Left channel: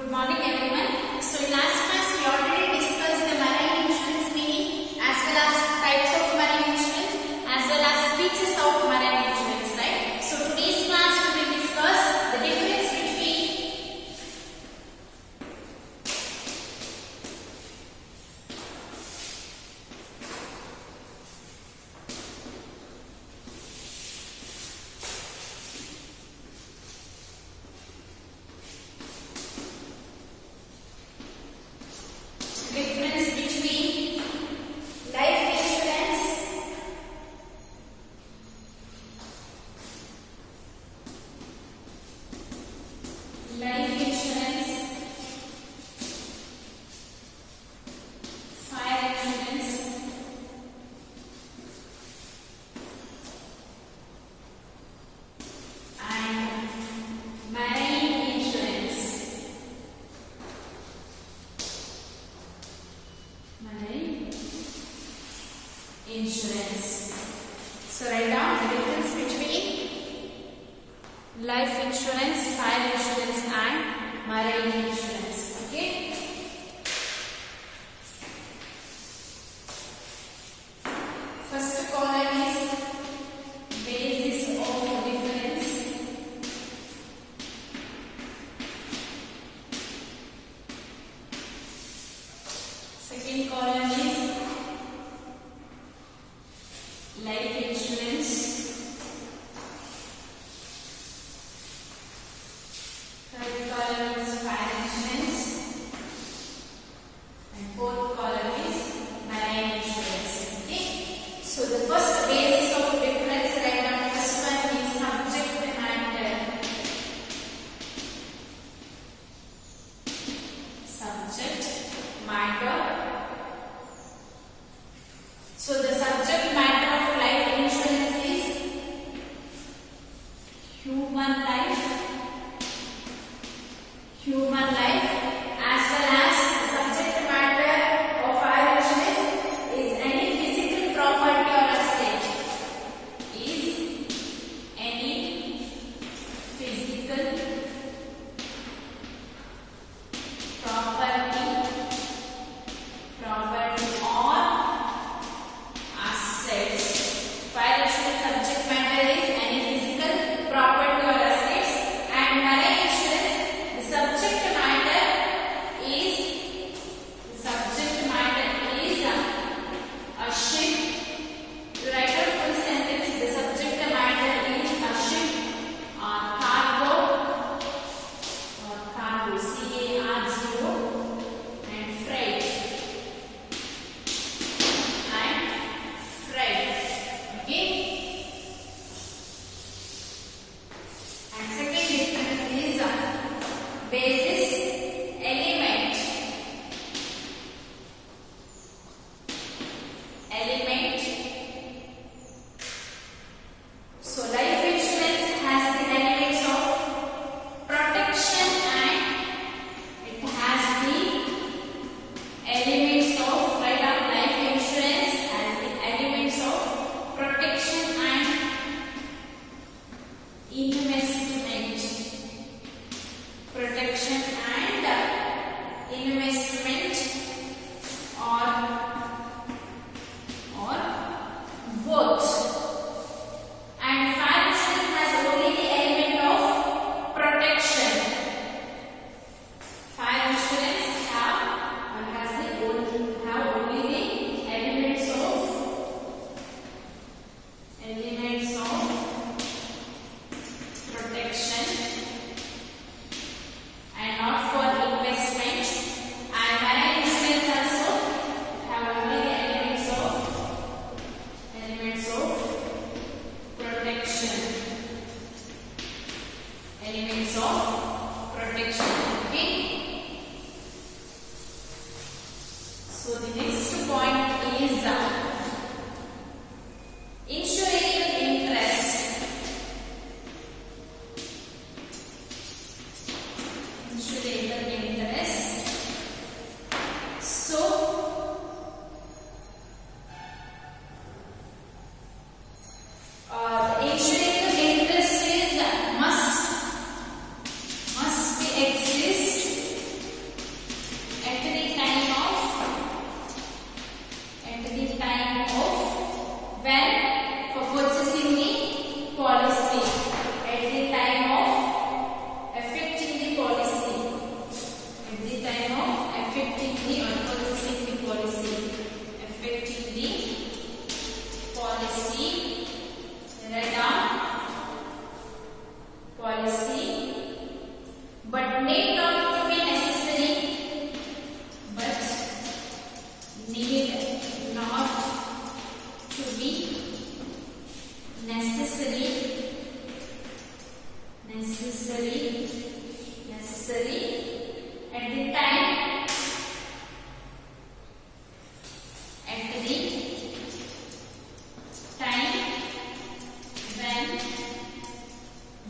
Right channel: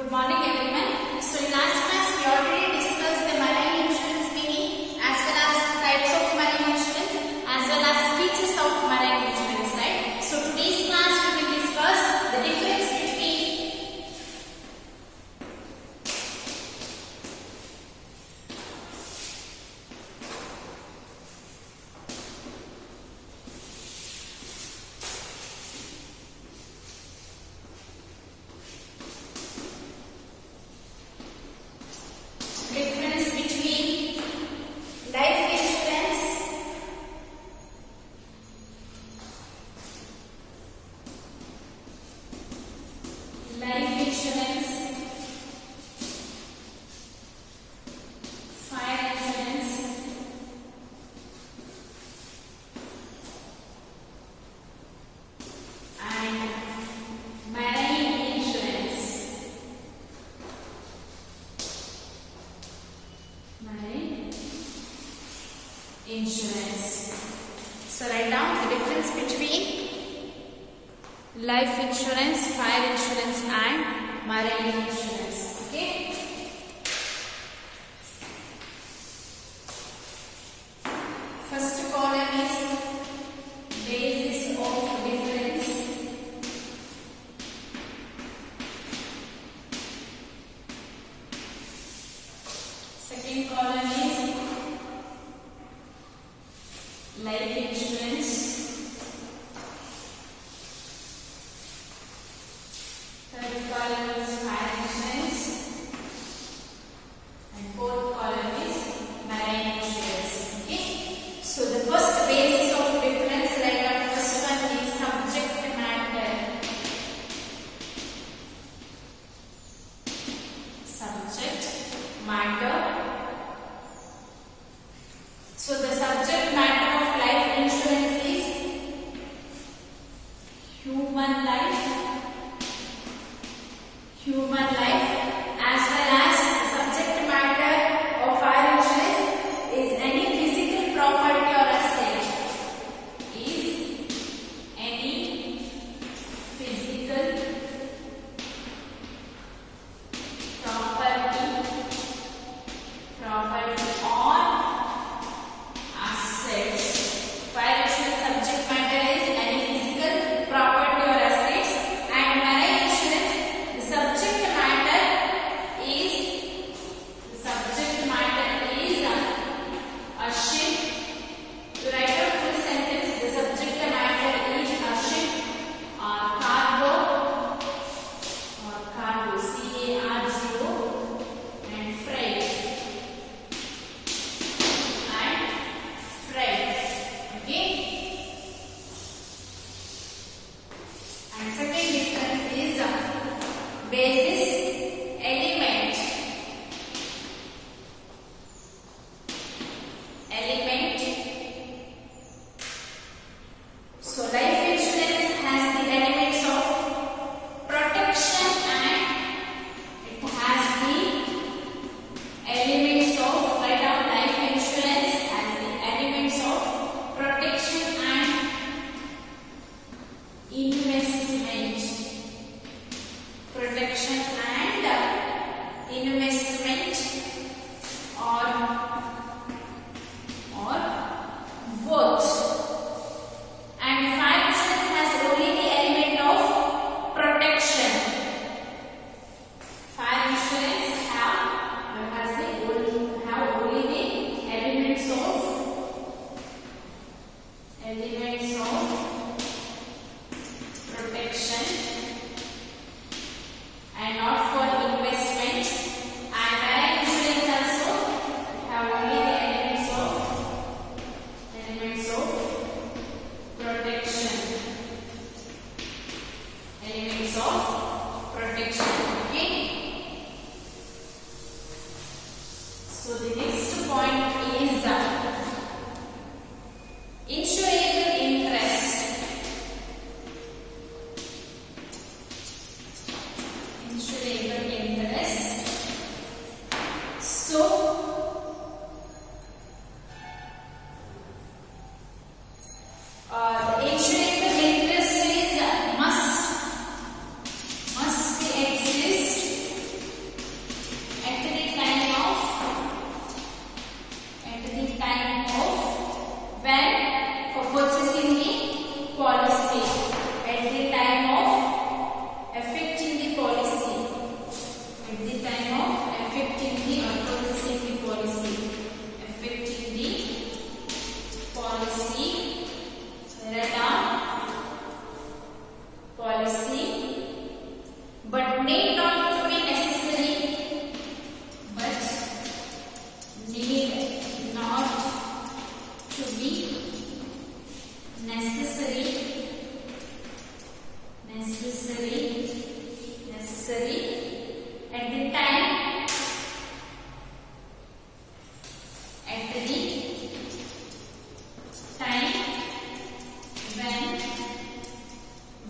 Good morning everyone. So in last class we already discussed the marine insurance meaning as well as types of marine insurance as well as features of marine insurance, right? So today's class we will discuss the difference between life insurance, fire insurance, and marine insurance. Marine insurance. So write down the difference between life insurance, fire insurance and marine insurance. Okay. First column is basis of difference. Second column is life insurance. Third column is fire insurance. And fourth column is marine insurance. Okay. So the first basis of difference, write down first one is subject matter. Subject matter. So the subject matter of life insurance is human life, as well as the subject matter of fire insurance is any physical property or asset. Is any physical property or assets. Fire insurance subject matter is any physical property or assets, and marine insurance the subject matter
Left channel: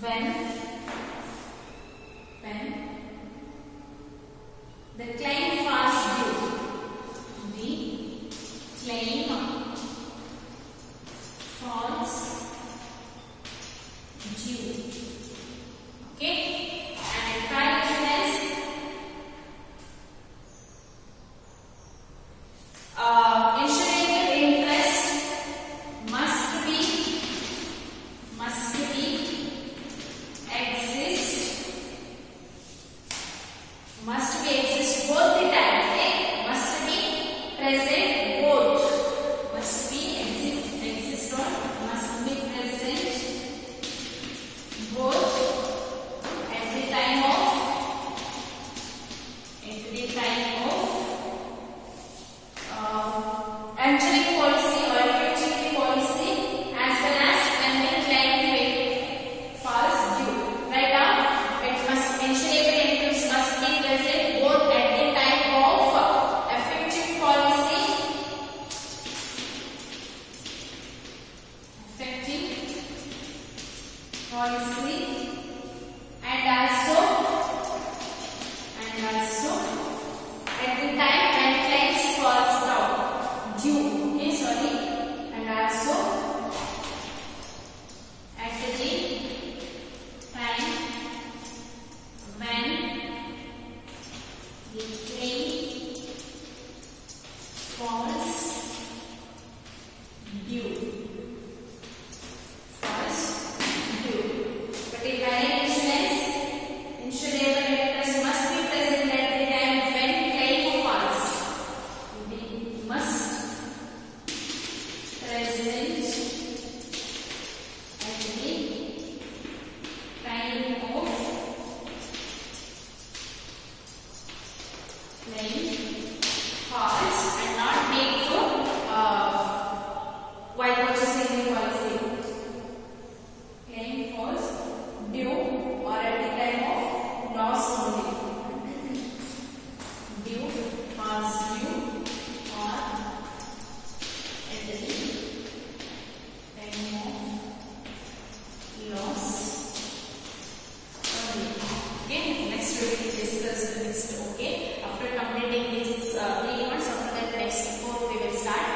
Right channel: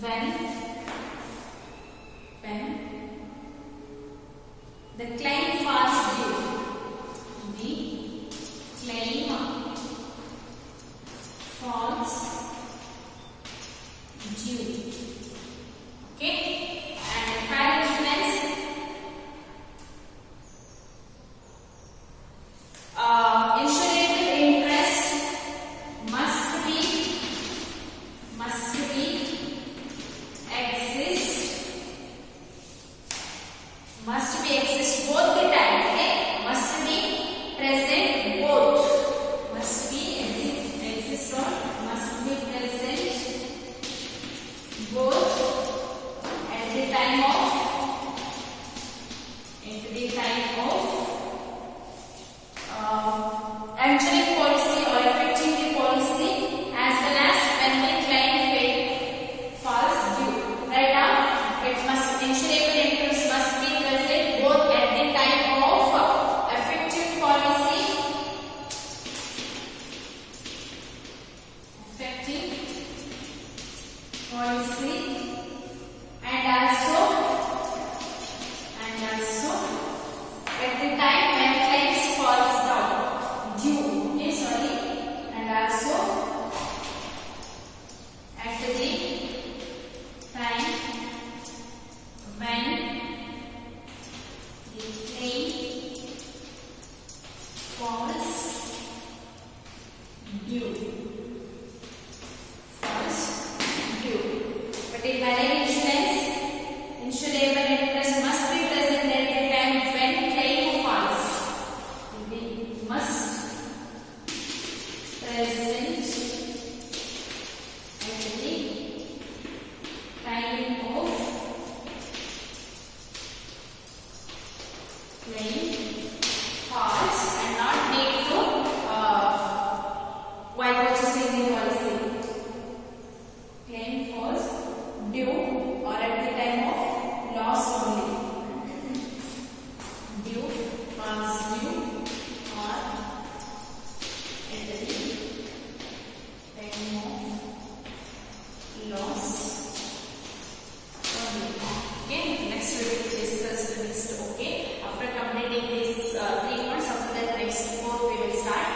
when the claim falls due, the claim falls due. Okay, and fire insurance. Insurable interest must be exist both the time. Okay, must be present both. Must be exist or must be present both at the time of entering policy or effecting the policy, as well as when the claim falls due. Right now, it must insurable interest must be present both at the time of effective policy, and also at the time when claims falls down due. Okay, sorry, and also at the time when the claim falls due. But in marine insurance, insurable interest must be present at the time when claim falls. It must present at the time of claim falls and not made to while purchasing the policy. Claim falls due or at the time of loss only. Due, falls due or at the time of loss only. Okay, next we will discuss the list. Okay, after completing these 3 months, after that next 4 we will start.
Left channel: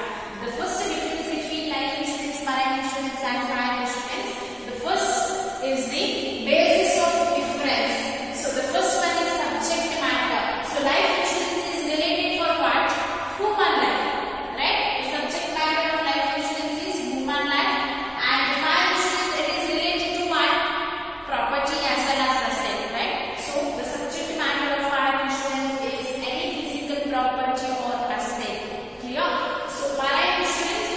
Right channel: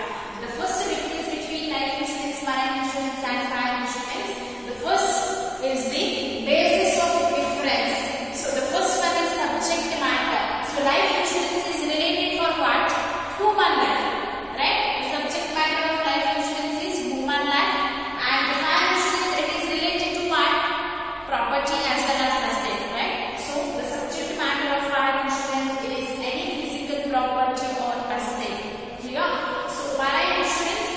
The first difference between life insurance, marine insurance and fire insurance. The first is the basis of difference. So the first one is subject matter. So life insurance is related for what? Human life, right? The subject matter of life insurance is human life, and the fire insurance, it is related to what? Property as well as asset, right? So the subject matter of fire insurance is any physical property or asset. Clear? So marine insurance,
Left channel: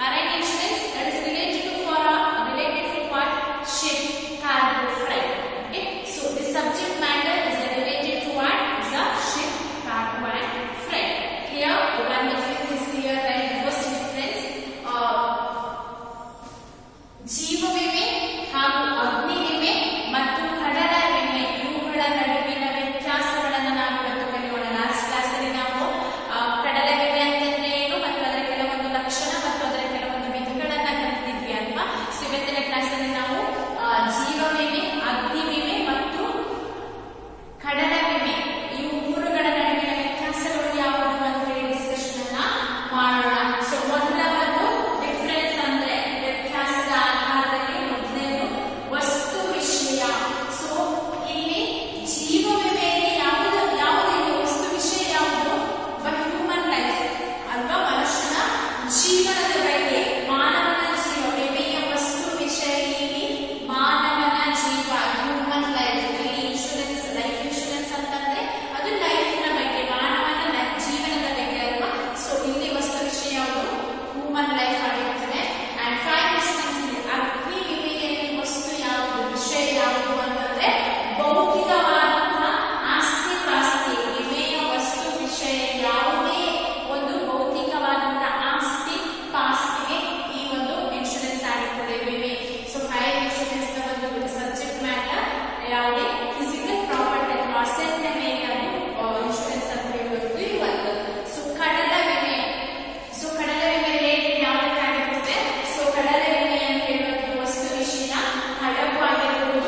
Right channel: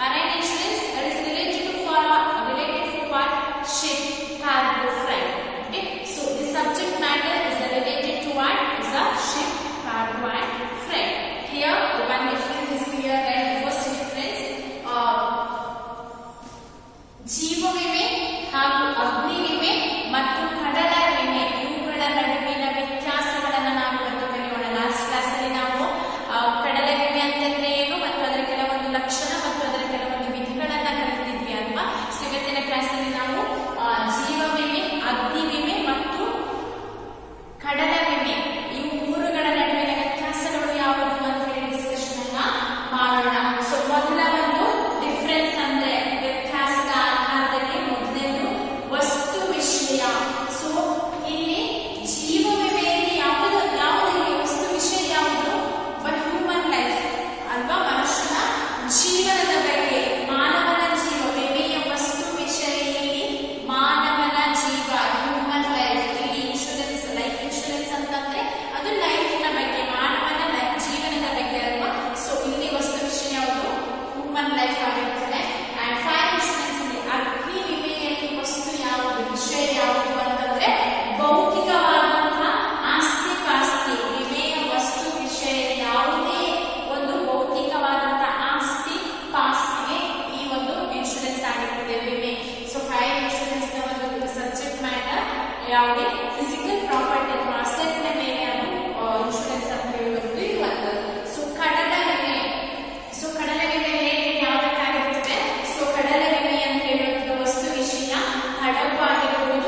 that is related to what? Ship, cargo, freight. Okay, so the subject matter is related to what? Is a ship, cargo and freight. Here, the one difference is clear, right? The first difference, ಜೀವ ವಿಮೆ ಹಾಗೂ ಅಗ್ನಿ ವಿಮೆ ಮತ್ತು ಕಡಲ ವಿಮೆ, ಇವುಗಳ ನಡುವಿನ ವ್ಯತ್ಯಾಸಗಳನ್ನು ನಾವು ಇವತ್ತು ಕಲಿಯೋಣ. ಲಾಸ್ಟ್ ಕ್ಲಾಸ್ ಅಲ್ಲಿ ನಾವು ಕಡಲ ವಿಮೆ ಅಂತಂದ್ರೆ ಏನು ಮತ್ತು ಅದರ ಕೆಲವೊಂದು ಲಕ್ಷಣ ಮತ್ತು ಅದರ ಕೆಲವೊಂದು ವಿಧಗಳನ್ನ ಕಲಿತಿದ್ವಿ ಅಲ್ವಾ? ಇವತ್ತಿನ ಕ್ಲಾಸ್ ಅಲ್ಲಿ ನಾವು ಜೀವ ವಿಮೆ, ಅಗ್ನಿ ವಿಮೆ ಮತ್ತು ಕಡಲ ವಿಮೆ, ಈ ಮೂರುಗಳ ನಡುವಿನ ವ್ಯತ್ಯಾಸಗಳು ಯಾವುವು ಅಂತ ಹೇಳಿ ಡಿಸ್ಕಷನ್ ಅನ್ನ ಮಾಡೋಣ. ಸೊ ಮೊದಲ ಒಂದು ಡಿಫರೆನ್ಸ್ ಅಂದ್ರೆ ವ್ಯತ್ಯಾಸದ ಆಧಾರದಲ್ಲಿ ಮೊದಲನೇದು ವಸ್ತು ವಿಷಯ. ಸೊ ಇಲ್ಲಿ ಜೀವ ವಿಮೆಯಲ್ಲಿ ಯಾವುದು ವಸ್ತು ವಿಷಯ ಯಾವುದು? ಹ್ಯೂಮನ್ ಲೈಫ್ ಅಲ್ವಾ? ಮನುಷ್ಯನ ಜೀವನದ ಬಗ್ಗೆ, ಮಾನವನ ಜೀವ. ವಿಮೆಯ ವಸ್ತು ವಿಷಯ ಇಲ್ಲಿ ಮಾನವನ ಜೀವ, ಹ್ಯೂಮನ್ ಲೈಫ್. ಇಲ್ಲಿ ಇನ್ಶೂರೆನ್ಸ್, ಲೈಫ್ ಇನ್ಶೂರೆನ್ಸ್ ಅಂತಂದ್ರೆ ಅದು ಲೈಫಿನ ಬಗ್ಗೆ, ಮಾನವನ ಜೀವನದ ಬಗ್ಗೆ ಅಲ್ವಾ? ಸೊ ಇಲ್ಲಿ ವಸ್ತು ವಿಷಯ ಯಾವುದು? ಹ್ಯೂಮನ್ ಲೈಫ್ ಆಗಿರ್ತದೆ. ಅಂಡ್ ಫೈರ್ ಇನ್ಶೂರೆನ್ಸ್ ಇಲ್ಲಿ ಅಗ್ನಿ ವಿಮೆಯಲ್ಲಿ ವಸ್ತು ಯಾವುದು, ವಿಷಯ ಯಾವುದು ಅಂತಂದ್ರೆ ಭೌತಿಕವಾದಂತಹ ಆಸ್ತಿ ಪಾಸ್ತಿ. ವಿಮೆಯ ವಸ್ತು ವಿಷಯ ಯಾವುದೇ ಒಂದು ಭೌತಿಕವಾದಂತಹ ಆಸ್ತಿ ಪಾಸ್ತಿಗೆ ಈ ಒಂದು ಇನ್ಶೂರೆನ್ಸ್ ಆಗಿರ್ತದೆ ವಿಮೆ. ಸೊ ಫೈರ್ ಇನ್ಶೂರೆನ್ಸ್ ನ ಒಂದು ಸಬ್ಜೆಕ್ಟ್ ಮ್ಯಾಟರ್ ಯಾವುದೇ ಫಿಸಿಕಲ್ ಪ್ರಾಪರ್ಟಿ ಅಥವಾ ಅಸೆಟ್ ಮೇಲೆ ಅದು ಇನ್ಶೂರೆನ್ಸ್ ಅಂತ ಹೇಳುವುದು ಇರುವಂತದ್ದು. ಸೊ ಕಡಲ ವಿಮೆ, ಯಾವ್ದಕ್ಕಾಗಿರ್ತದೆ? ಸೊ ಕಡಲ ವಿಮೆ ಅಂತ ಹೇಳುವುದು ವಸ್ತು ವಿಷಯ ಹಡಗು ಆಗಿರ್ಬೋದು,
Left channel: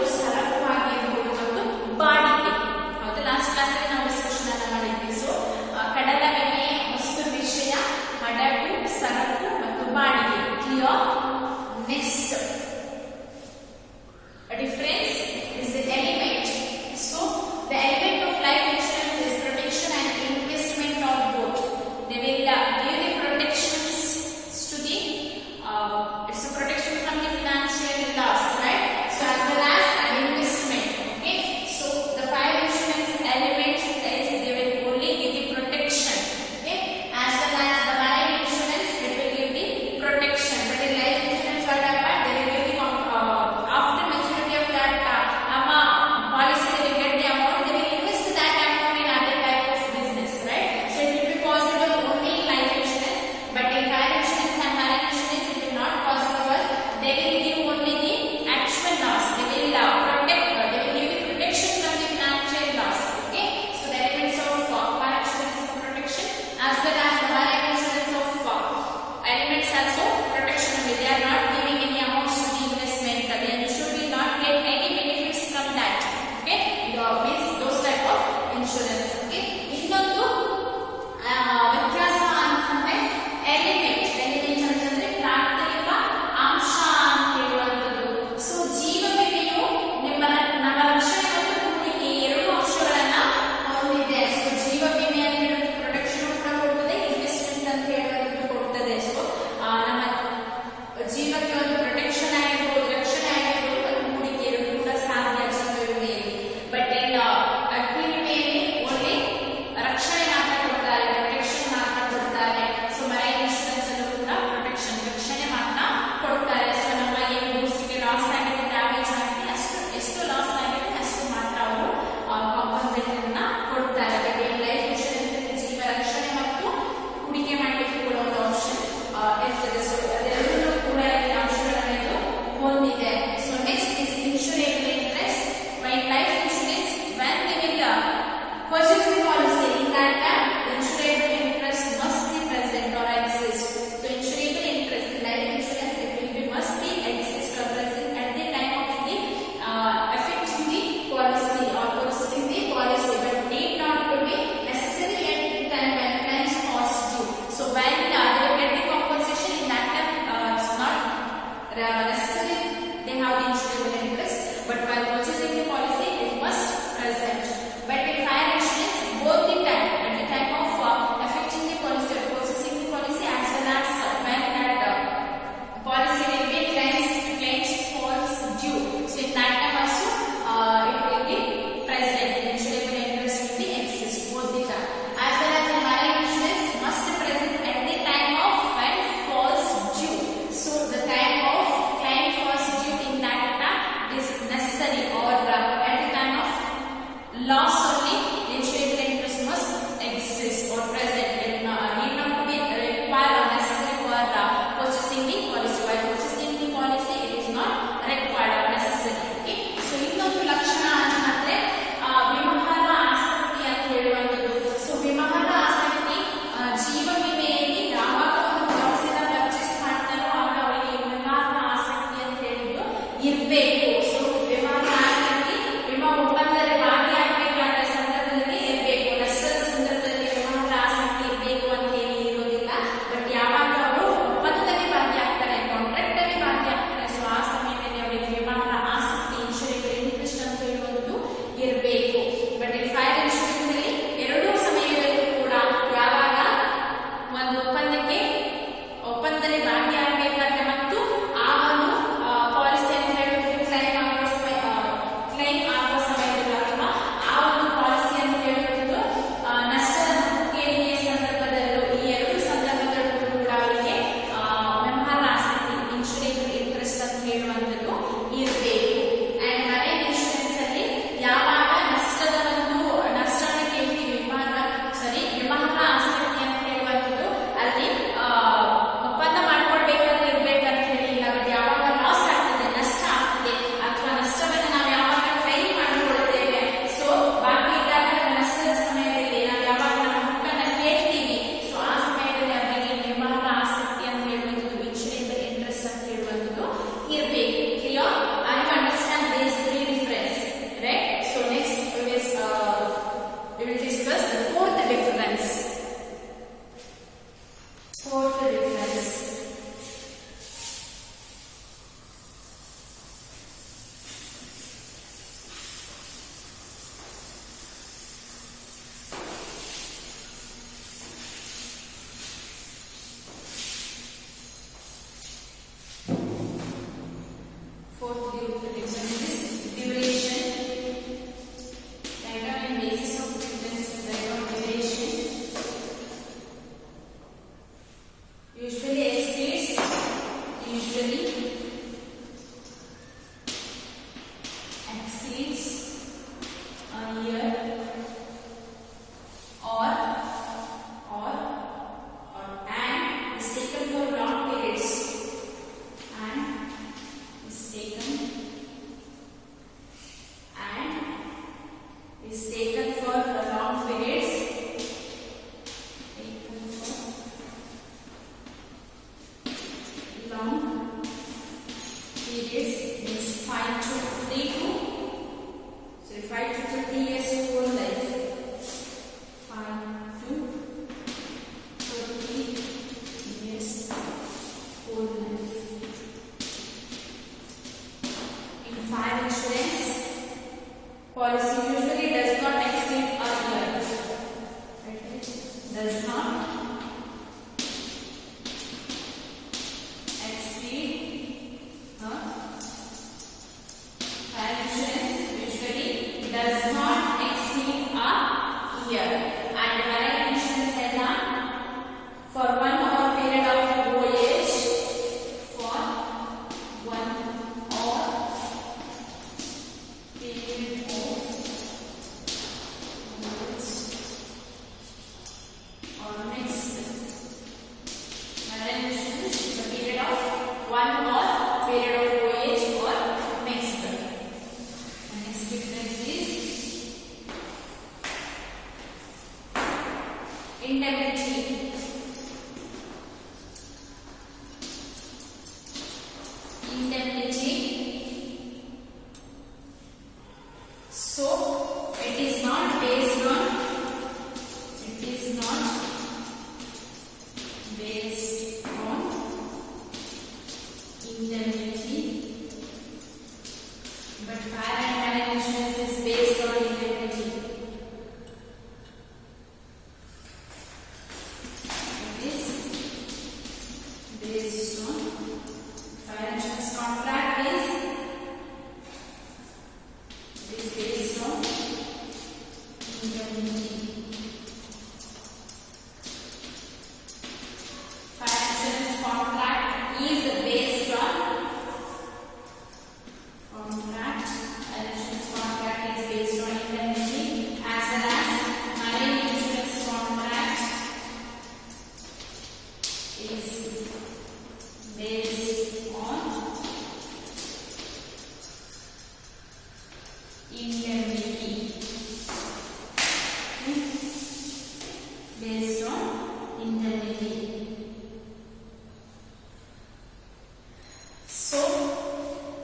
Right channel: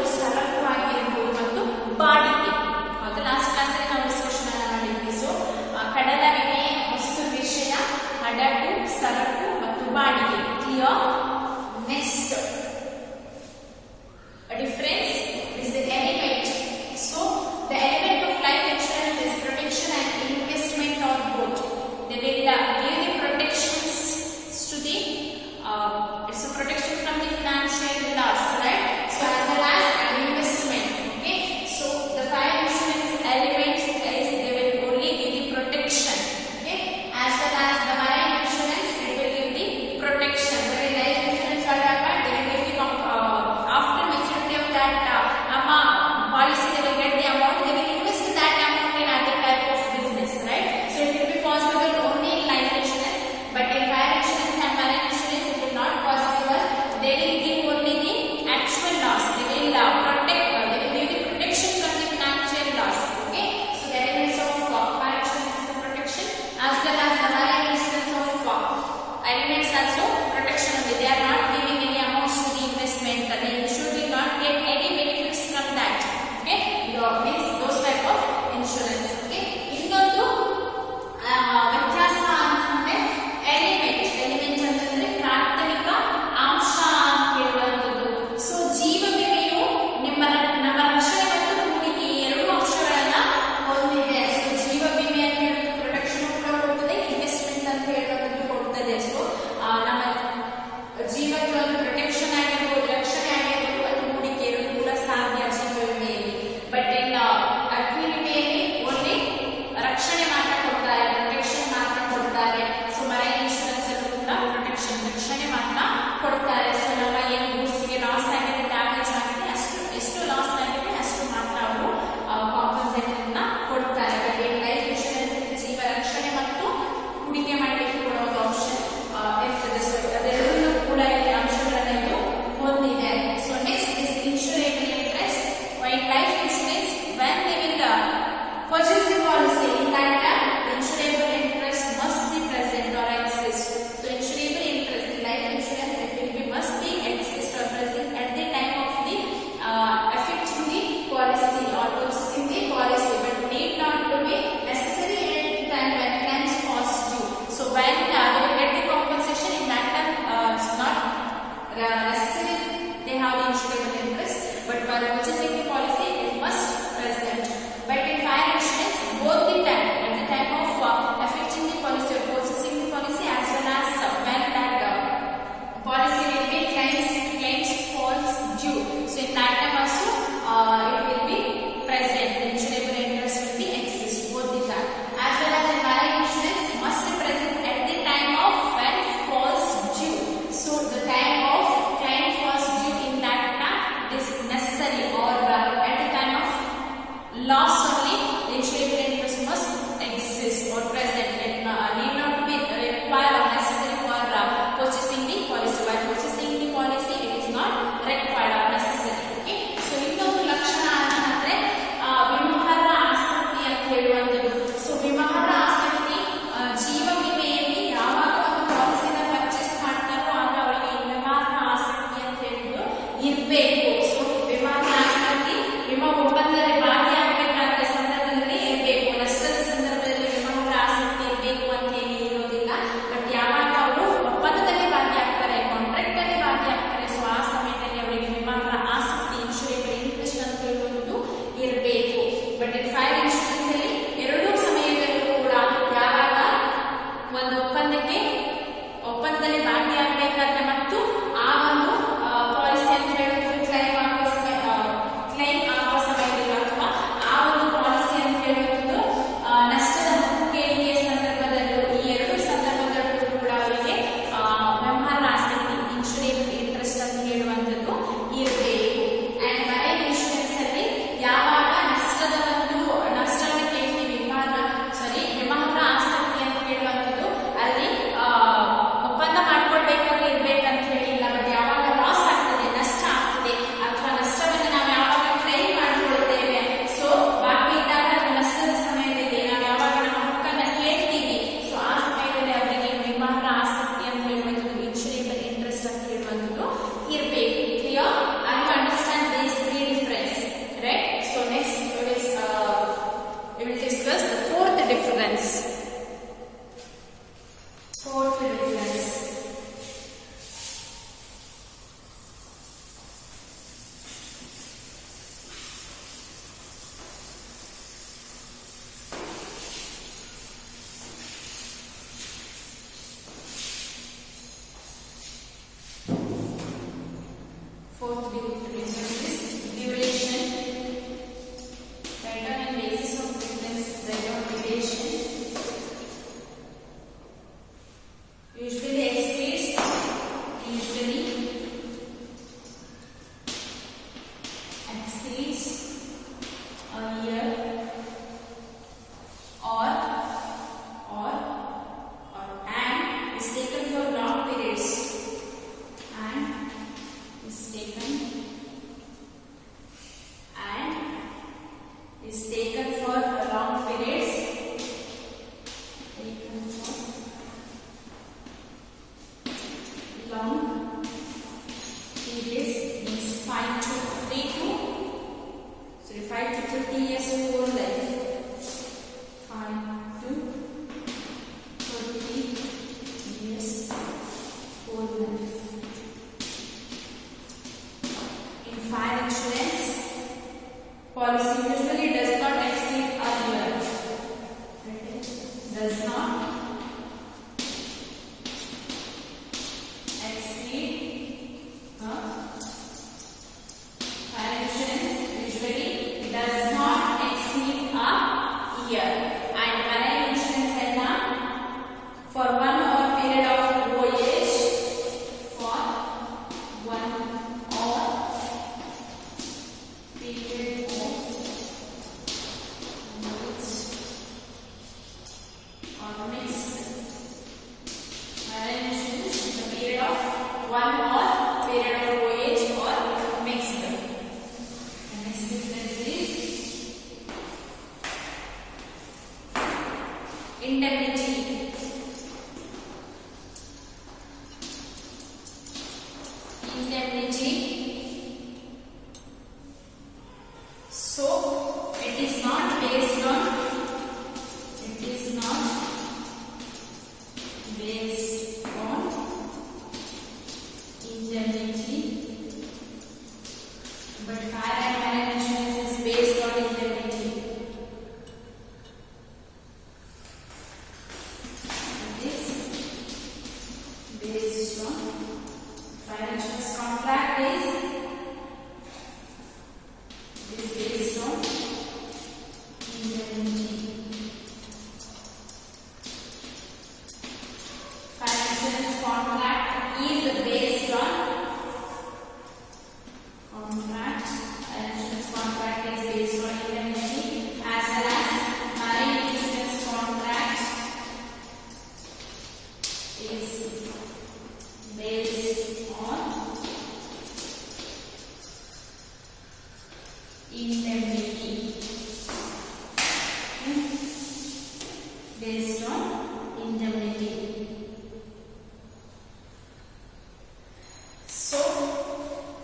means those type of insurance. Okay, ಇನ್ನೊಂದು ವ್ಯತ್ಯಾಸ ಅಂತಂದ್ರೆ ಎಲಿಮೆಂಟ್ ಅಂತಂದ್ರೆ ಪ್ರಾಥಮಿಕ ಅಂಶ ಅಂತ ಹೇಳುವಂಥದ್ದು. ಸೊ ಜೀವ ವಿಮೆಯು ನಮ್ಮ ರಕ್ಷಣೆ ಮತ್ತು ಹೂಡಿಕೆ ಎರಡು ಅಂಶಗಳನ್ನ ಹೊಂದಿದೆ. ಸೊ ಜೀವ ವಿಮೆ ಅಂತ ಹೇಳುವುದು ಪ್ರೊಟೆಕ್ಷನ್ ಕೂಡ ಕೊಡ್ತದೆ, ಇನ್ವೆಸ್ಟ್ಮೆಂಟ್ ಅಂತ ಹೇಳುವಂಥದ್ದು ಕೊಡ್ತದೆ. ಸೊ ನಮ್ಮ ಜೀವಕ್ಕೆ ಒಂದು ಪ್ರೊಟೆಕ್ಷನ್ ಆಗಿರ್ಬೋದು, ರಕ್ಷಣೆ ಆಗಿರ್ಬೋದು, ಮತ್ತು ಹೂಡಿಕೆ ಎರಡು ಕೂಡ ಸಾಧ್ಯ ಜೀವ ವಿಮೆಯಲ್ಲಿ. ಬಟ್ ಇನ್ ಅಗ್ನಿ ವಿಮೆಯಲ್ಲಿ ಓನ್ಲಿ ರಕ್ಷಣೆ ಮಾತ್ರ ಕೊಡ್ತಾರೆ, ಪ್ರೊಟೆಕ್ಷನ್ ಮಾತ್ರ ಕೊಡ್ತಾರೆ. ಸೊ ಮರೈನ್ ಇನ್ಶೂರೆನ್ಸ್ ಅಲ್ಲೂ ಕೂಡ ಪ್ರೊಟೆಕ್ಷನ್ ರಕ್ಷಣೆ ಮಾತ್ರ ಕೊಡ್ತಾರೆ. ಸೊ ನಮ್ಮ ಏನು ಗೂಡ್ಸ್ಗೆ ಲಾಸ್ ಆಗಿದೆ, ಡ್ಯಾಮೇಜ್ ಆಗಿದೆ, ಎಷ್ಟು ಲಾಸ್ ಆಗಿದೆ ಅಷ್ಟು ಮಾತ್ರ ಅವರು ಕಾಂಪನ್ಸೇಷನ್ ಕೊಡ್ತಾರೆ. ಹಾಗೆ ಲೈಫ್ ಇನ್ಶೂರೆನ್ಸ್ ಅಲ್ಲಿ ಜೀವ ರಕ್ಷಣೆ ಮತ್ತು ಹೂಡಿಕೆ ಮಾಡಲಿಕ್ಕೆ ಕೂಡ ಒಂದು ಆಪ್ಷನ್ ಇರ್ತದೆ. ಸೊ ಅದೆಲ್ಲವೂ ಕೂಡ ಈ ಅಂಶಗಳನ್ನು ಹೊಂದಿದೆ. So next is insurable interest. When life insurance when they will purchase the policy, in that time insurable interest must be present or exist. So insurable interest in life insurance, it will be must be exist or present at the time of the effecting the policy or purchasing the policy, but need not to be necessary at the time when claims cost due. So when they will get the compensation, in that time it's not necessary they have the insurable interest, but while purchasing the policy it must present. But in fire insurance, both the time at the time of effecting the policy or purchasing the policy, as well as when that policy will be claims falls due. So in that time also it will be present. Insurable interest will be exist both the time. As well as in marine insurance must be present at the time of when falls due. So the time of claim falls due, in that time is necessary, or at the time of loss only insurable interest must exist or present. It need not to be required or necessary for purchasing the policy. While purchasing the policy, it is not required or necessary. Okay, so ಇನ್ನೊಂದು ಲಕ್ಷಣ ಅಂತಂದ್ರೆ ವಿಮರ್ಹ ಆಸಕ್ತಿ ಅಂತ ಹೇಳುವಂಥದ್ದು. ಸೊ ವಿಮರ್ಹ ಆಸಕ್ತಿ ಜೀವ ವಿಮೆಯಲ್ಲಿ ಯಾವಾಗ ಒಂದು ಪಾಲಿಸಿನ ಪರ್ಚೇಸ್ ಮಾಡ್ತಾರೋ ಆಗ ಅವರಿಗೆ ವಿಮರ್ಹ ಆಸಕ್ತಿ ಅಂತ ಹೇಳುವುದು ಇರಬೇಕು. ಸೊ ವಿಮರ್ಹ ಆಸಕ್ತಿ ವಿಮಾ ಒಪ್ಪಂದದಲ್ಲಿ ಭಾಗಿಯಾಗಬೇಕಾದ ಸಂದರ್ಭದಲ್ಲಿ ಇರಬೇಕು. ನಷ್ಟದ ಸಂದರ್ಭದಲ್ಲಿ ವಿಮರ್ಹ ಆಸಕ್ತಿ ಇರಬೇಕು ಅಂತ ಹೇಳಿ ಇರೋದಿಲ್ಲ. ಬಟ್ ಯಾವಾಗ ಅವರು ಒಪ್ಪಂದದಲ್ಲಿ ಭಾಗಿಯಾಗ್ತಾರೆ, ಕಾಂಟ್ರಾಕ್ಟ್ ಅಲ್ಲಿ ಭಾಗಿಯಾಗ್ತಾರೆ, ಸೊ ಆ ಸಮಯದಲ್ಲಿ ಅವರಿಗೆ ವಿಮರ್ಹ ಆಸಕ್ತಿ ಇನ್ಶೂರೇಬಲ್ ಇಂಟ್ರೆಸ್ಟ್ ಅಂತ ಹೇಳುವುದು ಇರಬೇಕು. ಬಟ್ ಇನ್ ಫೈರ್ ಇನ್ಶೂರೆನ್ಸ್ ಅಲ್ಲಿ ಎರಡೂ ಸಮಯದಲ್ಲೂ ಕೂಡ ಯಾವಾಗ ಒಂದು ಒಪ್ಪಂದದಲ್ಲಿ ಭಾಗಿಯಾಗಬೇಕಾದ್ರೆ ಮತ್ತು ಆ ಒಂದು ಪಾಲಿಸಿ ಅಂತ ಹೇಳುವುದು ಕ್ಲೈಮ್ ಆಗುವ ಸಮಯದಲ್ಲಿ ಅಥವಾ ಆ ಒಂದು ಪಾಲಿಸಿ ಅಂತ ಹೇಳುವುದು ನಷ್ಟದ ಹಕ್ಕು ಕೇಳಿಕೆ ಸಂದರ್ಭದಲ್ಲೂ, ಈ ಎರಡು ಸಂದರ್ಭದಲ್ಲೂ ಕೂಡ ಅವರಿಗೆ ವಿಮರ್ಹ ಆಸಕ್ತಿ ಇನ್ಶೂರೇಬಲ್ ಇಂಟ್ರೆಸ್ಟ್ ಅಂತ ಹೇಳುವಂಥದ್ದು ಇರಬೇಕು. ಅಂಡ್ ಮರೈನ್ ಇನ್ಶೂರೆನ್ಸ್ ಅಲ್ಲಿ ಯಾವಾಗ ನಷ್ಟವನ್ನು ಕೇಳ್ತೀವಿ, ವಿಮರ್ಹ ಆಸಕ್ತಿ ಅಂತ ಹೇಳುವಂಥದ್ದು ಅಲ್ಲಿ ಒಪ್ಪಂದ ಮಾಡ್ಕೊಳ್ಬೇಕಾದ್ರೆ ಇರ್ಬೇಕಂತ ಹೇಳಿಲ್ಲ. ಬಟ್ ಯಾವಾಗ ಲಾಸ್ ಆಗ್ತದೆ, ನಷ್ಟ ಆಗ್ತದೆ, ಅಥವಾ ನಷ್ಟವನ್ನು ನಾವು ಯಾವಾಗ ಕ್ಲೈಮ್ ಮಾಡಿಕೊಳ್ತೇವೆ, ಸೊ ಬಾಕಿ ಇದ್ದಾಗ ನಷ್ಟದ ಸಮಯದಲ್ಲಿ ನಾವು ಯಾವಾಗ ನಮ್ಮ ಹಕ್ಕನ್ನು ಕೇಳ್ತೀವಿ, ಸೊ ಆ ಸಮಯದಲ್ಲಿ ಅವರಿಗೆ ವಿಮರ್ಹ ಆಸಕ್ತಿ ಅಂತ ಹೇಳುವಂಥದ್ದು ಇನ್ಶೂರೇಬಲ್ ಇಂಟ್ರೆಸ್ಟ್ ಅಂತ ಹೇಳುವಂಥದ್ದು ಇರಬೇಕು. Clear? I understand this three difference, right? So next we will discuss the fourth difference. Fourth difference. Fourth difference is duration. Written on basis of difference, duration usually exceeds a year or and is taken for long periods, and is taken for long periods, means 5 to 30 fire insurance policy usually does not exceed a year. Okay. Does not exceed fire insurance usually does not exceed a year. And marine insurance है ना for 1 hour period of voyage, for 1 hour period of voyage or mixed. Marine insurance is the period of 1 hour period of voyage or mixed. The next difference is indemnity. Indemnity. So it is not based on indemnity, but fire and marine insurance is based on indemnity. It is based on fire insurance contract is based on indemnity. Fire insurance contract is based on contract. Fire insurance contract is based on indemnity, as well as marine insurance contract is based on indemnity. Okay. Based on indemnity. So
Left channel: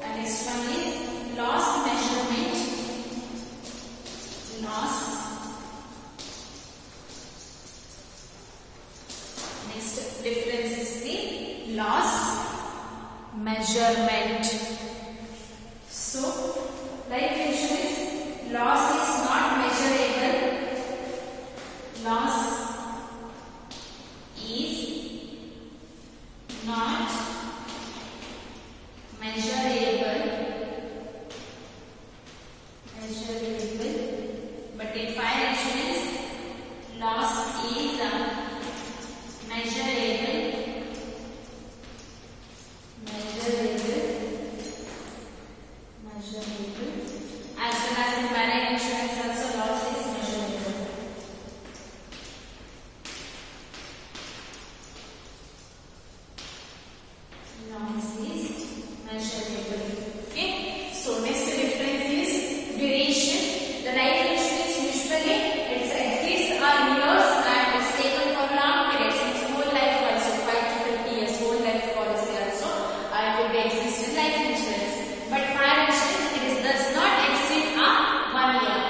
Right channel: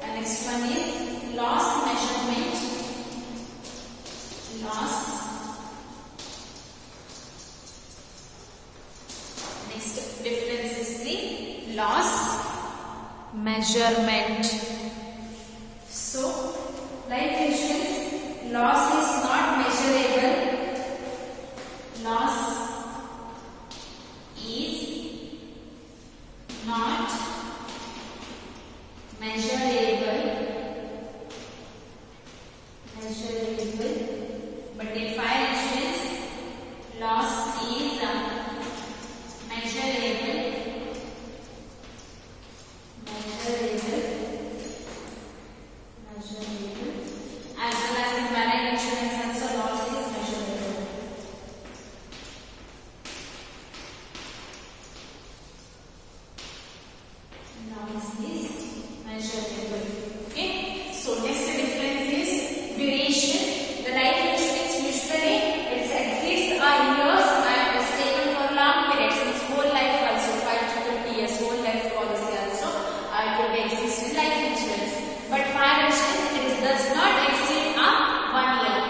the next one is loss measurement. Loss. Next difference is the loss measurement. So life insurance loss is not measurable. Loss is not measurable, but in fire insurance loss is measurable, as well as in marine insurance also loss is measurable. Loss is measurable. Okay. So next difference is duration. The life insurance usually it exceeds a years and is taken for long periods. It's whole life also 5 to 20 years whole life policy also it will be exist in life insurance. But fire insurance it does not exceed a 1 year.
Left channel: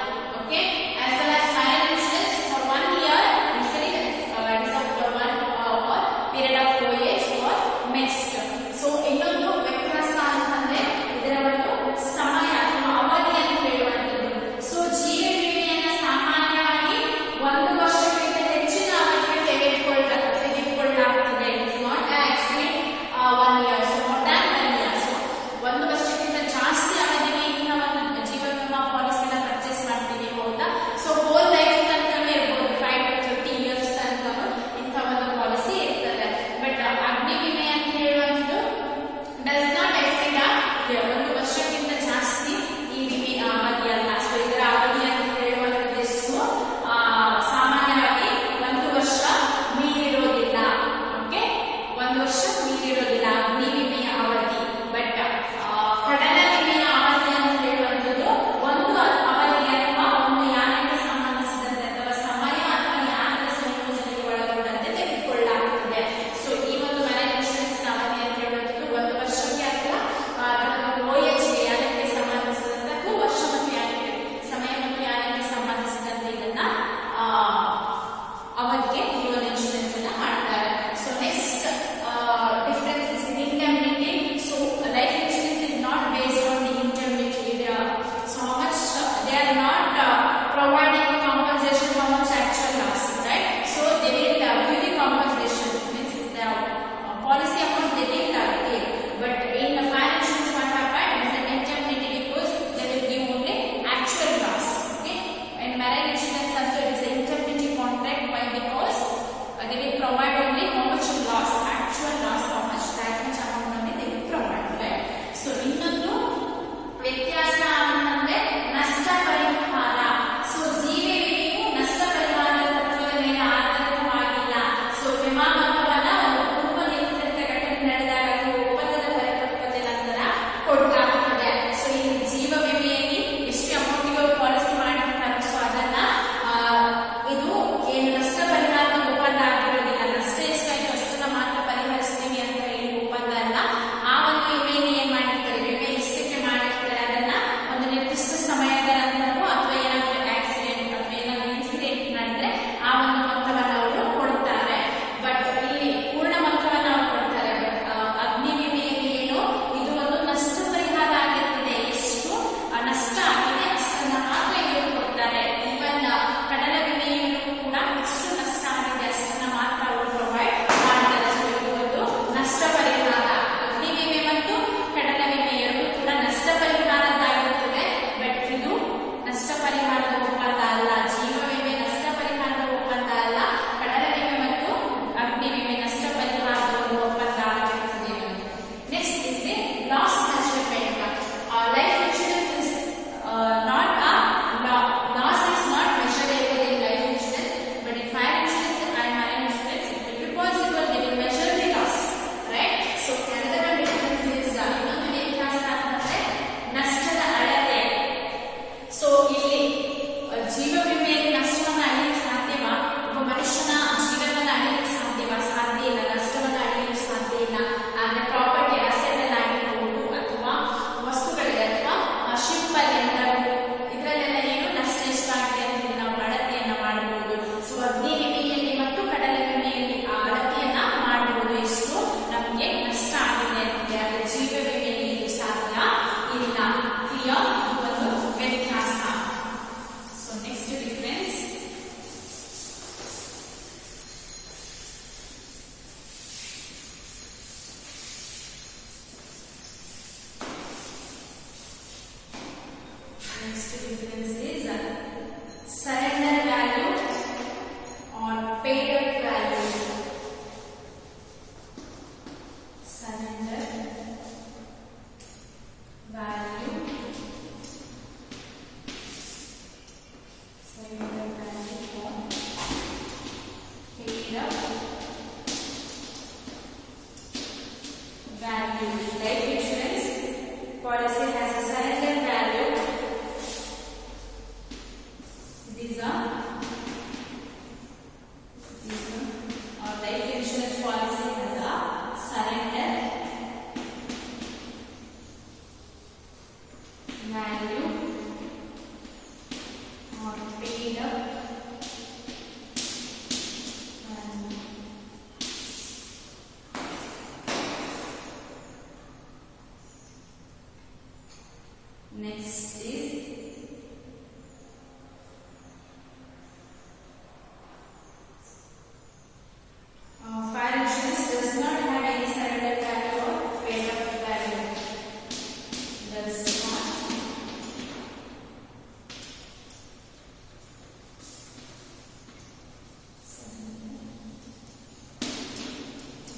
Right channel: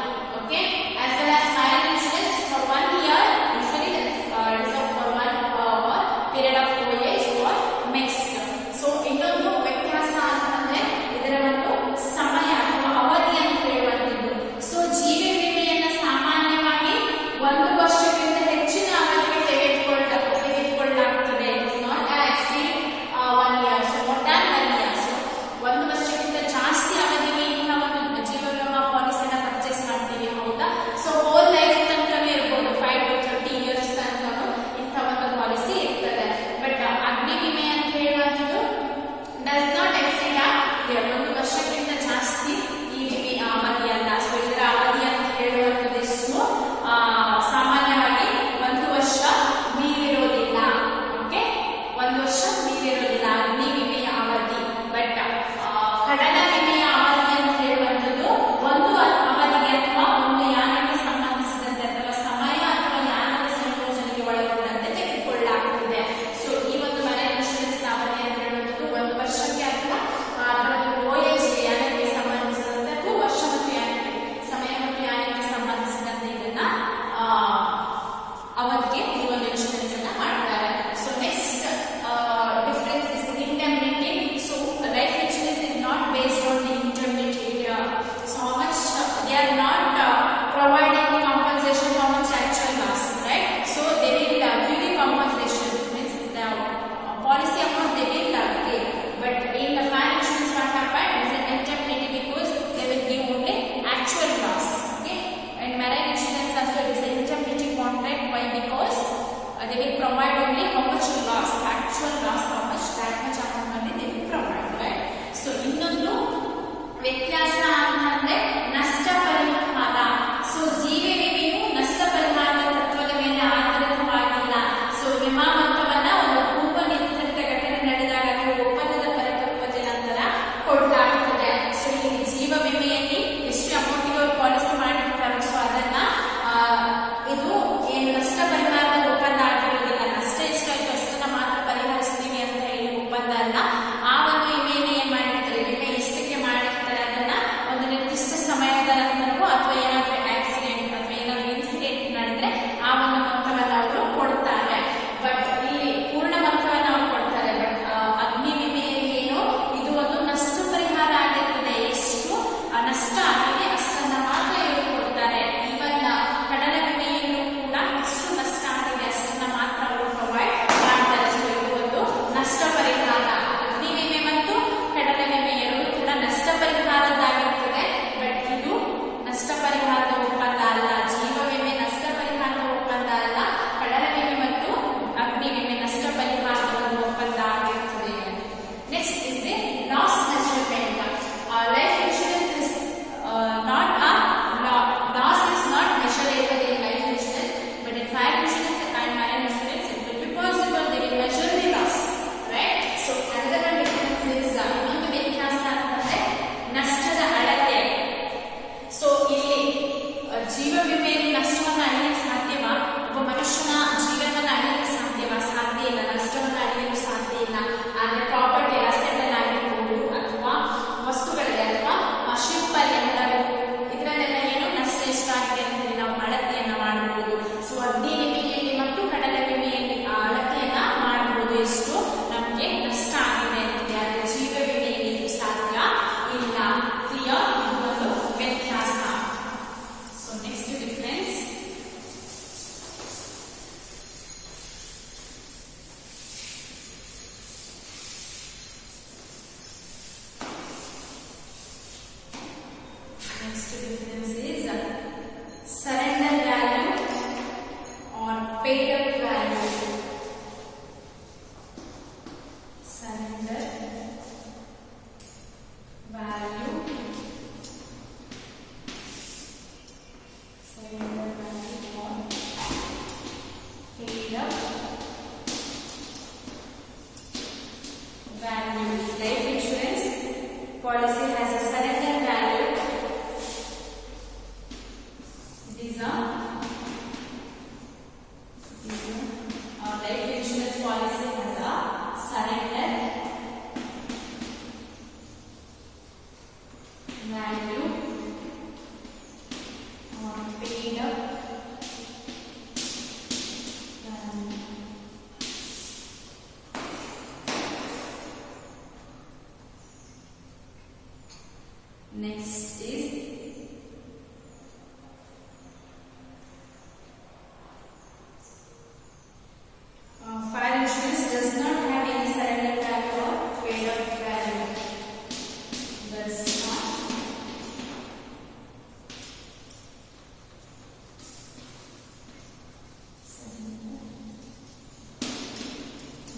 ನಷ್ಟ ಆಗಿದೆ ಅಷ್ಟನ್ನ ಮಾತ್ರ ಇವರು ಕೊಡ್ತಾರೆ. ಈವನ್ ಕಡಲ ವಿಮೆಯಲ್ಲೂ ಕೂಡ ಎಷ್ಟು ನಷ್ಟ ಆಗಿದೆ ಅಷ್ಟನ್ನ ಮಾತ್ರ ಅವರು ಪ್ರೊವೈಡ್ ಮಾಡ್ತಾರೆ. ಸೊ ಇದು ಒಂದು ನಷ್ಟ ಪರಿಹಾರ. ಅಗ್ನಿ ವಿಮೆ ಮತ್ತು ಕಡಲ ವಿಮೆ ಎರಡೂ ಕೂಡ ನಷ್ಟ ಪರಿಹಾರದ್ದಾಗಿರುತ್ತದೆ. ಬಟ್ ಇದು ನಷ್ಟ ಪರಿಹಾರದ ಒಪ್ಪಂದ ಅಲ್ಲ. ಜೀವ ವಿಮೆ ನಷ್ಟ ಪರಿಹಾರದ ಒಪ್ಪಂದ ಅಲ್ಲ. ಕಡಲ ವಿಮೆ ಮತ್ತು ಅಗ್ನಿ ವಿಮೆ ನಷ್ಟ ಪರಿಹಾರದ ಒಂದು ಒಪ್ಪಂದ ಆಗಿರುತ್ತದೆ. Next is the laws measurement. Life insurance is not loss is not measurable in life insurance, but in fire insurance and marine insurance it will be possible. They will measure the loss, right? So another one difference is ಇನ್ನೊಂದು ವ್ಯತ್ಯಾಸ ಅಂದ್ರೆ ನಷ್ಟದ ಅಳತೆ. ಸೊ ಇಲ್ಲಿ ಜೀವ ವಿಮೆಯಲ್ಲಿ ನಷ್ಟವನ್ನು ಅಳೆಯಲು ಸಾಧ್ಯವಾ? ಒಬ್ಬ ಮನುಷ್ಯನ ಜೀವನವನ್ನು ಅಳೆಯಲು ಸಾಧ್ಯವಾ? ಸಾಧ್ಯ ಇಲ್ಲ. ನಷ್ಟವನ್ನು ಅಳೆಯಲು ಸಾಧ್ಯ ಇಲ್ಲ. ಆದ್ರೆ ಪ್ರಾಪರ್ಟಿ ಅಸೆಟ್ಗಳಾಗಿರ್ಬೋದು ಅಥವಾ ವಸ್ತುಗಳಿಗೆ ಅಥವಾ ಶಿಲ್ಪಲ್ಲಿ ಇದರಲ್ಲೆಲ್ಲ ಏನು ನಷ್ಟ ಎಷ್ಟಾಗಿದೆ ಅಂತ ಹೇಳಿ ನಾವು ಅಳತೆಯನ್ನ ಮಾಡಬಹುದು. ಸೊ ಅಗ್ನಿ ವಿಮೆಯಲ್ಲಿ ಮತ್ತು ಕಡಲ ವಿಮೆಯಲ್ಲಿ ಆ ಅಳತೆಯನ್ನ ಮಾಡಬಹುದು, ಎಷ್ಟು ನಮಗೆ ನಷ್ಟ ಆಗಿದೆ ಅಂತ. ಆದ್ರೆ ಜೀವ ವಿಮೆಯಲ್ಲಿ ಇದು ಸಾಧ್ಯ ಇಲ್ಲ. ಕ್ಲಿಯರ್? ಒಂದು ವ್ಯತ್ಯಾಸ. So next difference. Next difference is surrender value or paid up value. Surrender value. Surrender value or paid up value. Life insurance policy has a surrender value. These are our life insurance policy has a surrender value or paid up value. Next is fire insurance does not have any surrender value or paid up value. Does not. Surrender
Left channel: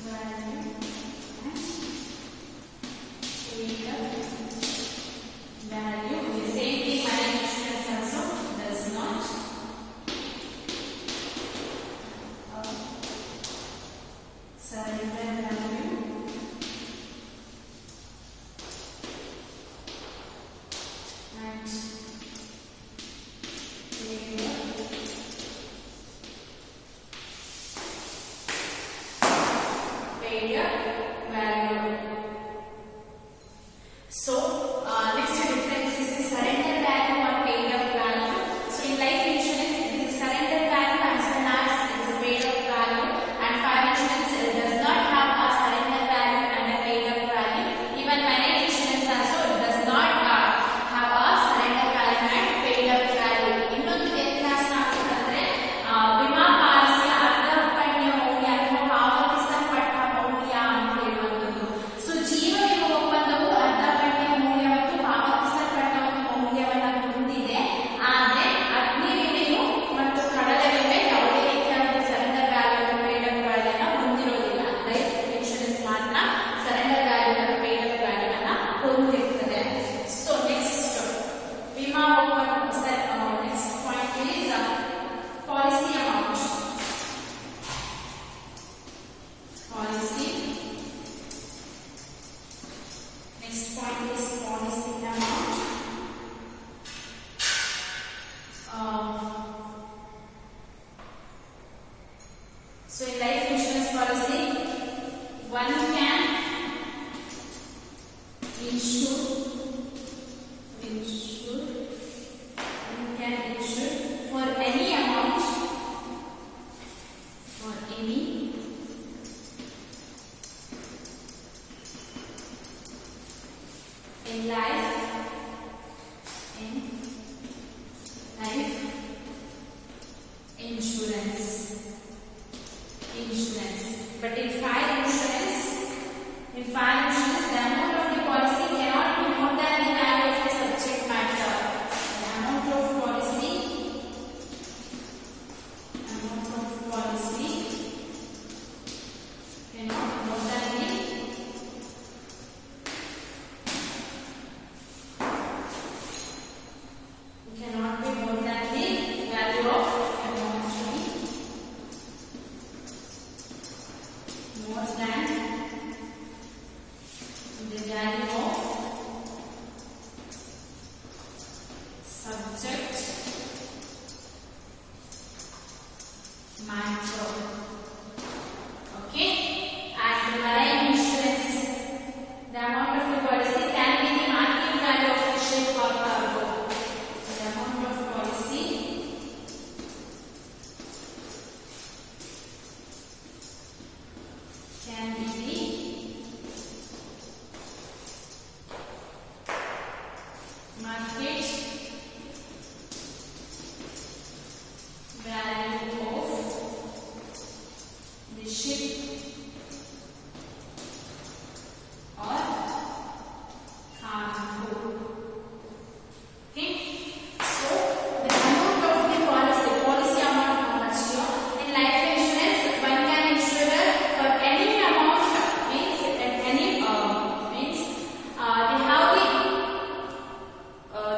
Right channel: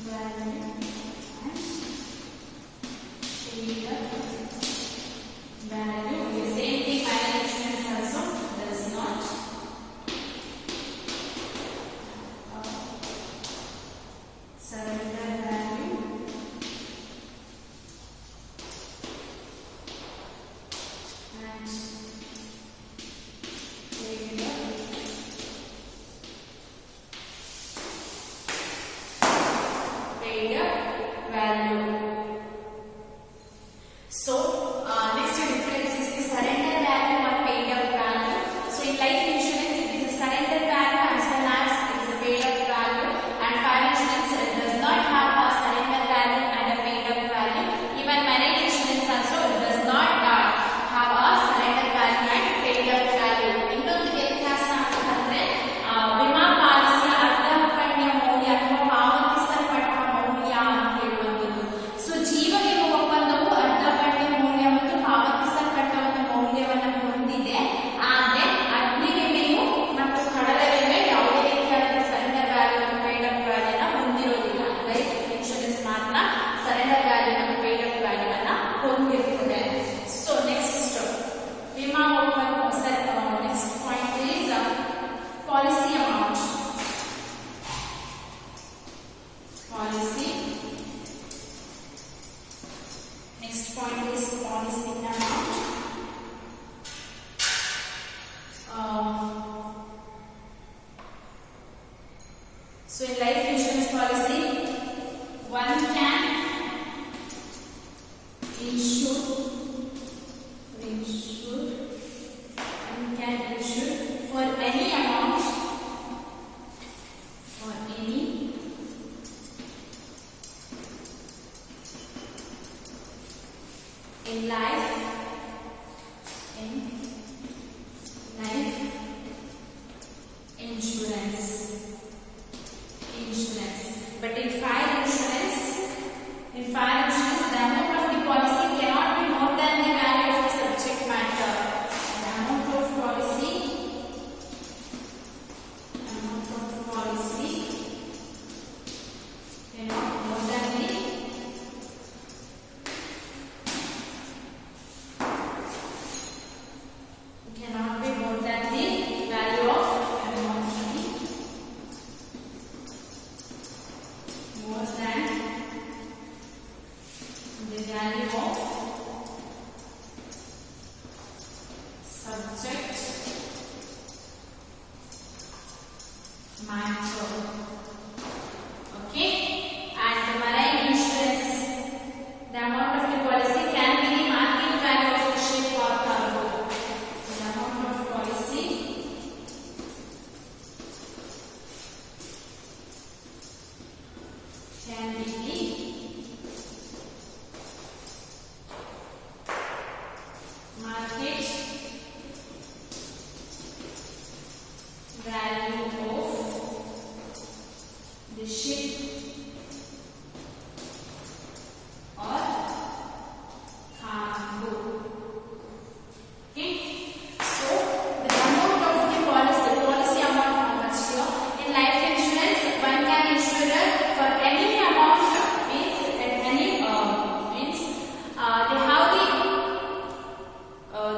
value and paid up value. The same thing fire insurance also does not. Surrender value and paid up value. So next difference is the surrender value or paid up value. So in life insurance it is a surrender value as well as it is a paid up value, and fire insurance does not have a surrender value and a paid up value. Even marine insurance also does not have a surrender subject matter. Okay, and the marine insurance, the amount of the policy can be the market value of the ship or cargo. The amount of policy can be the market value of the ship or cargo. Okay, so the amount of the policy amount, how much here in life insurance one can insure for any amount, means at any means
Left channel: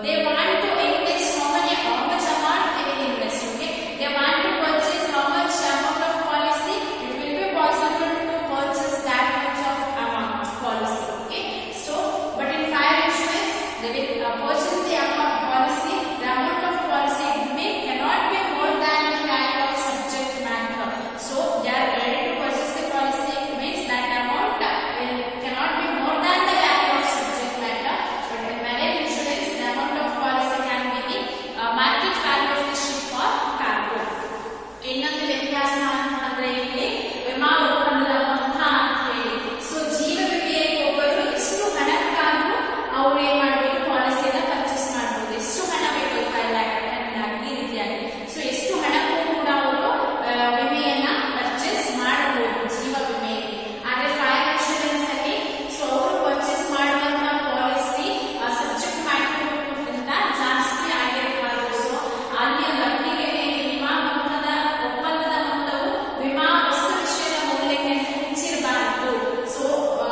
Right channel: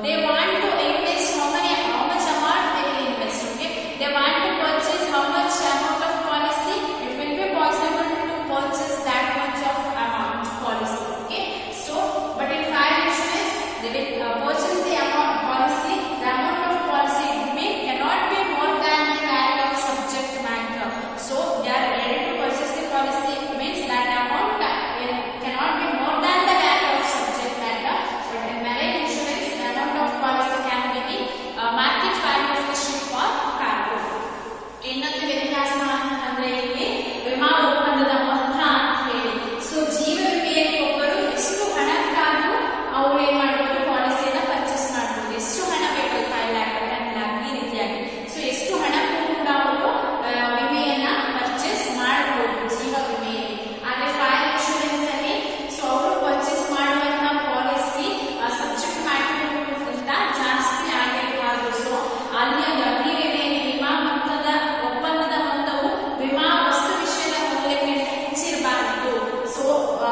they want to invest how much amount they will invest. Okay, they want to purchase how much amount of policy, it will be possible to purchase that much of amount policy. Okay, so but in fire insurance they will purchase the amount policy, the amount of policy cannot be more than the value of subject matter. So they are ready to purchase the policy, means that amount cannot be more than the value of subject matter. But in marine insurance the amount of policy can be the market value of the ship or cargo. ಇನ್ನೊಂದು ವ್ಯತ್ಯಾಸ ಅಂತಂದ್ರೆ ಇಲ್ಲಿ ವಿಮಾ ಒಪ್ಪಂದದ ಮೊತ್ತ ಅಂತ ಹೇಳಿ. ಸೊ ಜೀವ ವಿಮೆಯಲ್ಲಿ ಒಬ್ಬರು ಎಷ್ಟು ಹಣಕ್ಕಾದ್ರೂ ಅವ್ರು ಏನ್ ಮಾಡ್ಬೋದು, ಪಾಲಿಸಿಯನ್ನ ಪರ್ಚೇಸ್ ಮಾಡ್ಬೋದು. ಎಷ್ಟು ಹಣ ಬೇಕು, 5 lakh 10 lakh ಈ ರೀತಿಯಾಗಿ. ಸೊ ಎಷ್ಟು ಹಣಕ್ಕೂ ಕೂಡ ಅವರು ವಿಮೆಯನ್ನ ಪರ್ಚೇಸ್ ಮಾಡಬಹುದು ಜೀವ ವಿಮೆಯಲ್ಲಿ. ಆದ್ರೆ ಫೈರ್ ಇನ್ಶೂರೆನ್ಸ್ ಅಲ್ಲಿ ಸೊ ಅವರು ಪರ್ಚೇಸ್ ಮಾಡುವಂತ ಪಾಲಿಸಿ ಸಬ್ಜೆಕ್ಟ್ ಮ್ಯಾಟರ್ಗಿಂತ ಜಾಸ್ತಿ ಆಗಿರಬಾರದು. ಸೊ ಅಲ್ಲಿ ಅಗ್ನಿ ವಿಮೆಯಲ್ಲಿ ವಿಮಾ ಮೊತ್ತದ ಒಪ್ಪಂದದ ಮೊತ್ತವು ವಿಮಾ ವಸ್ತು ವಿಷಯದ ಮೌಲ್ಯಕ್ಕಿಂತ ಹೆಚ್ಚಿರಬಾರದು. ಸೊ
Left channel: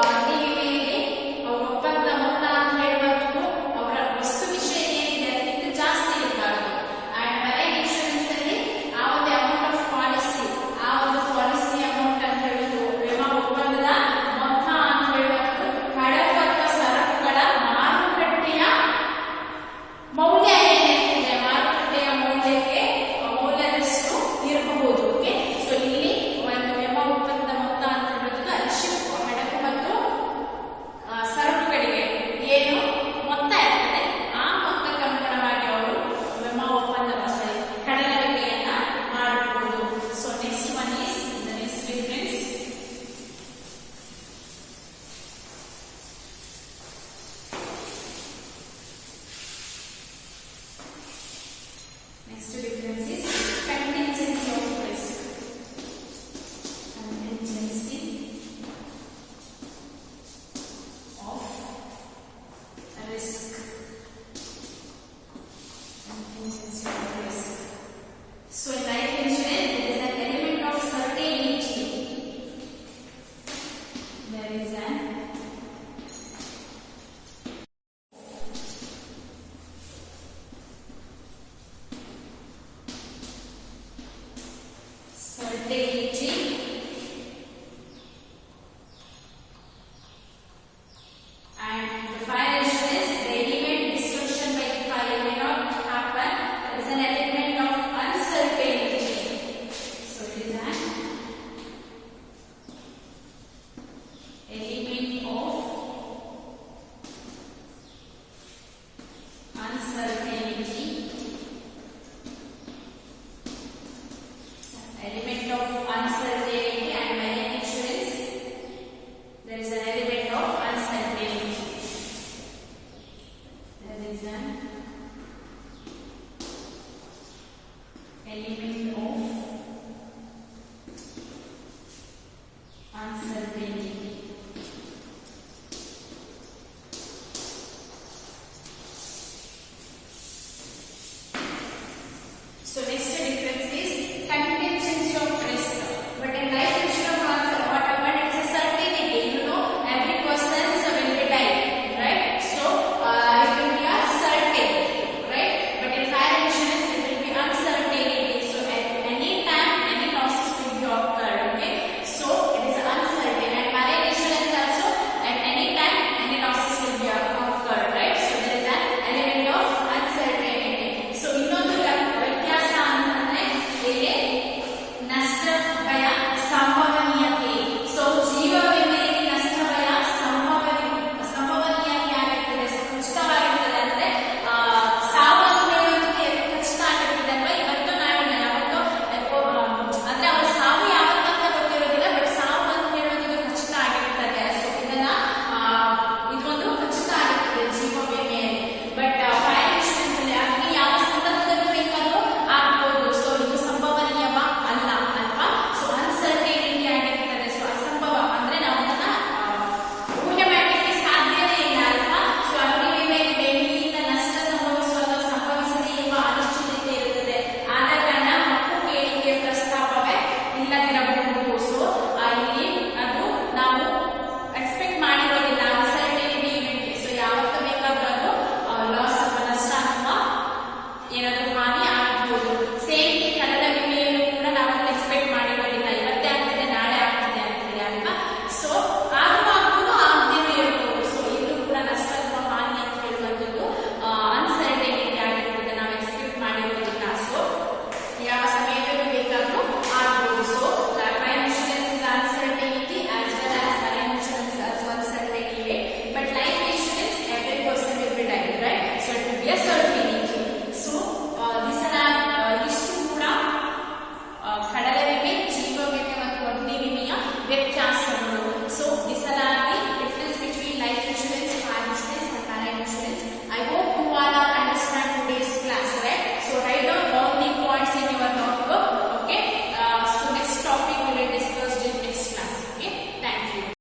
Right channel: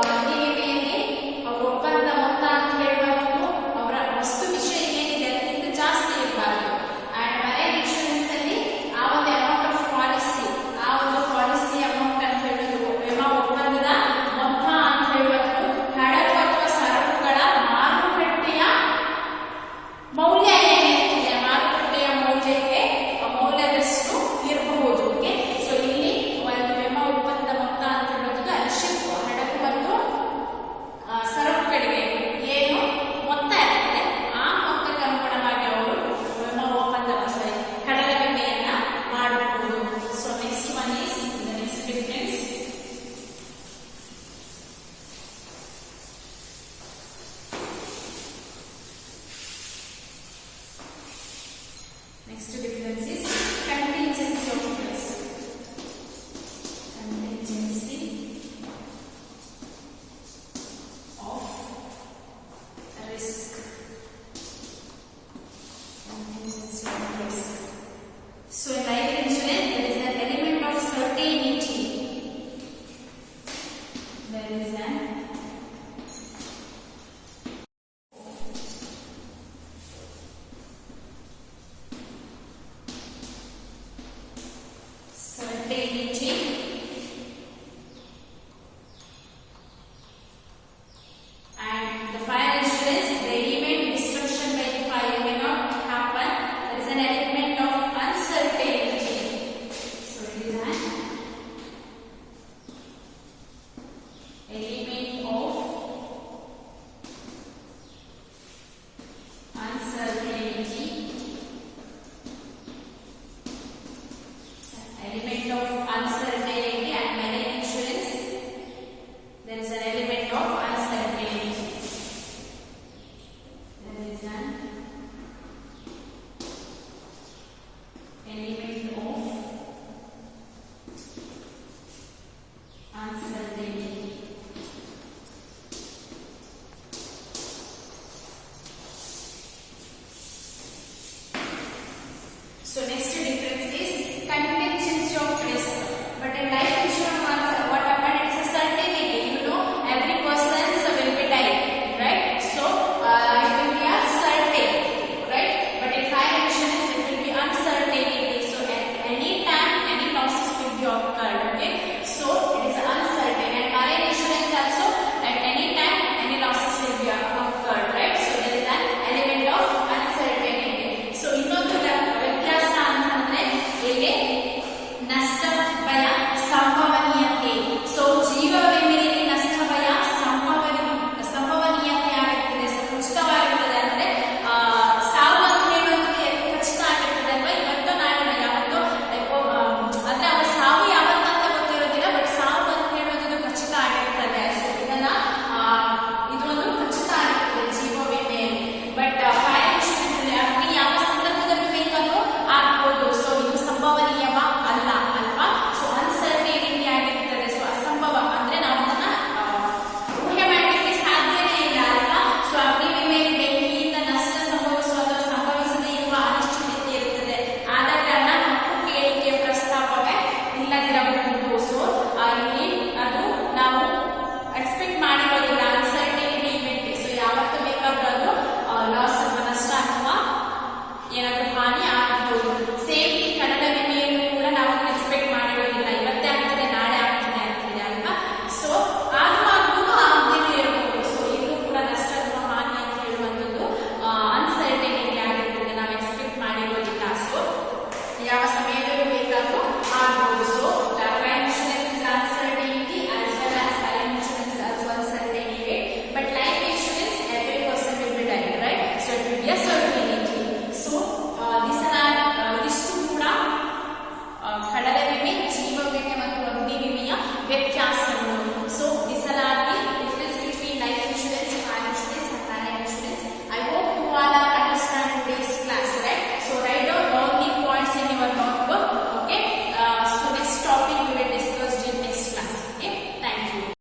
ಅಗ್ನಿ ವಿಮೆಯಲ್ಲಿ ಅವರ ಒಪ್ಪಂದದ ಮೊತ್ತ ಅಂತ ಹೇಳುವಂಥದ್ದು ಅವರ ವಸ್ತು ವಿಷಯ ಏನಿದೆ ಅದಕ್ಕಿಂತ ಜಾಸ್ತಿ ಇರಬಾರದು. ಅಂಡ್ ಮರೈನ್ ಇನ್ಶೂರೆನ್ಸ್ ಅಲ್ಲಿ ಆ ಒಂದು ಅಮೌಂಟ್ ಆಫ್ ಪಾಲಿಸಿ, ಆ ಒಂದು ಪಾಲಿಸಿ ಅಮೌಂಟ್ ಅಂತ ಹೇಳುದು ವಿಮಾ ಒಪ್ಪಂದದ ಮೊತ್ತ ಅಂತ ಹೇಳುವಂಥದ್ದು ಹಡಗು ಅಥವಾ ಸರಕುಗಳ ಮಾರುಕಟ್ಟೆಯ ಮೌಲ್ಯ ಏನಿದೆ, ಮಾರುಕಟ್ಟೆಯ ಮೌಲ್ಯದಷ್ಟು ಇರಬಹುದು. ಓಕೆ, ಸೊ ಇಲ್ಲಿ ಒಂದು ವಿಮಾ ಒಪ್ಪಂದದ ಮೊತ್ತ ಅಂತ ಹೇಳುವುದು ಅಲ್ಲಿ ಶಿಪ್, ಹಡಗು ಮತ್ತು ಸರಕುಗಳಿಗೆ ಏನು ಮೊತ್ತ ಇರ್ತದೆ ಆ ಮೊತ್ತಕ್ಕೆ ಅನುಗುಣವಾಗಿ ಅವರು ವಿಮಾ ಒಪ್ಪಂದದ ಕಡಲ ವಿಮೆಯನ್ನ ಮಾಡಬಹುದು. So next one is the next difference. Next difference is contingency of risk. Contingency of risk. Contingency of risk. So in life insurance there is an element of certainty. There is an certainty and the fire insurance, the element destruction by the fire may not happen. There is an element of uncertainty. So it is an element of uncertainty. Element of uncertainty and marine insurance, there is an element of uncertainty. There is an element of uncertainty. So next difference is contingency of risk. But in life insurance concept, what happened? It's a certainty. You know, every person will be dying, right? So it will be a certainty, right? But in fire insurance, it will be uncertainty. So at any time, any losses will be occurred. Okay, so it is uncertain. And marine insurance also, at any time, any losses will be occurred, right? So there is an element of uncertainty. ಏನಾದರೂ ಹಾನಿ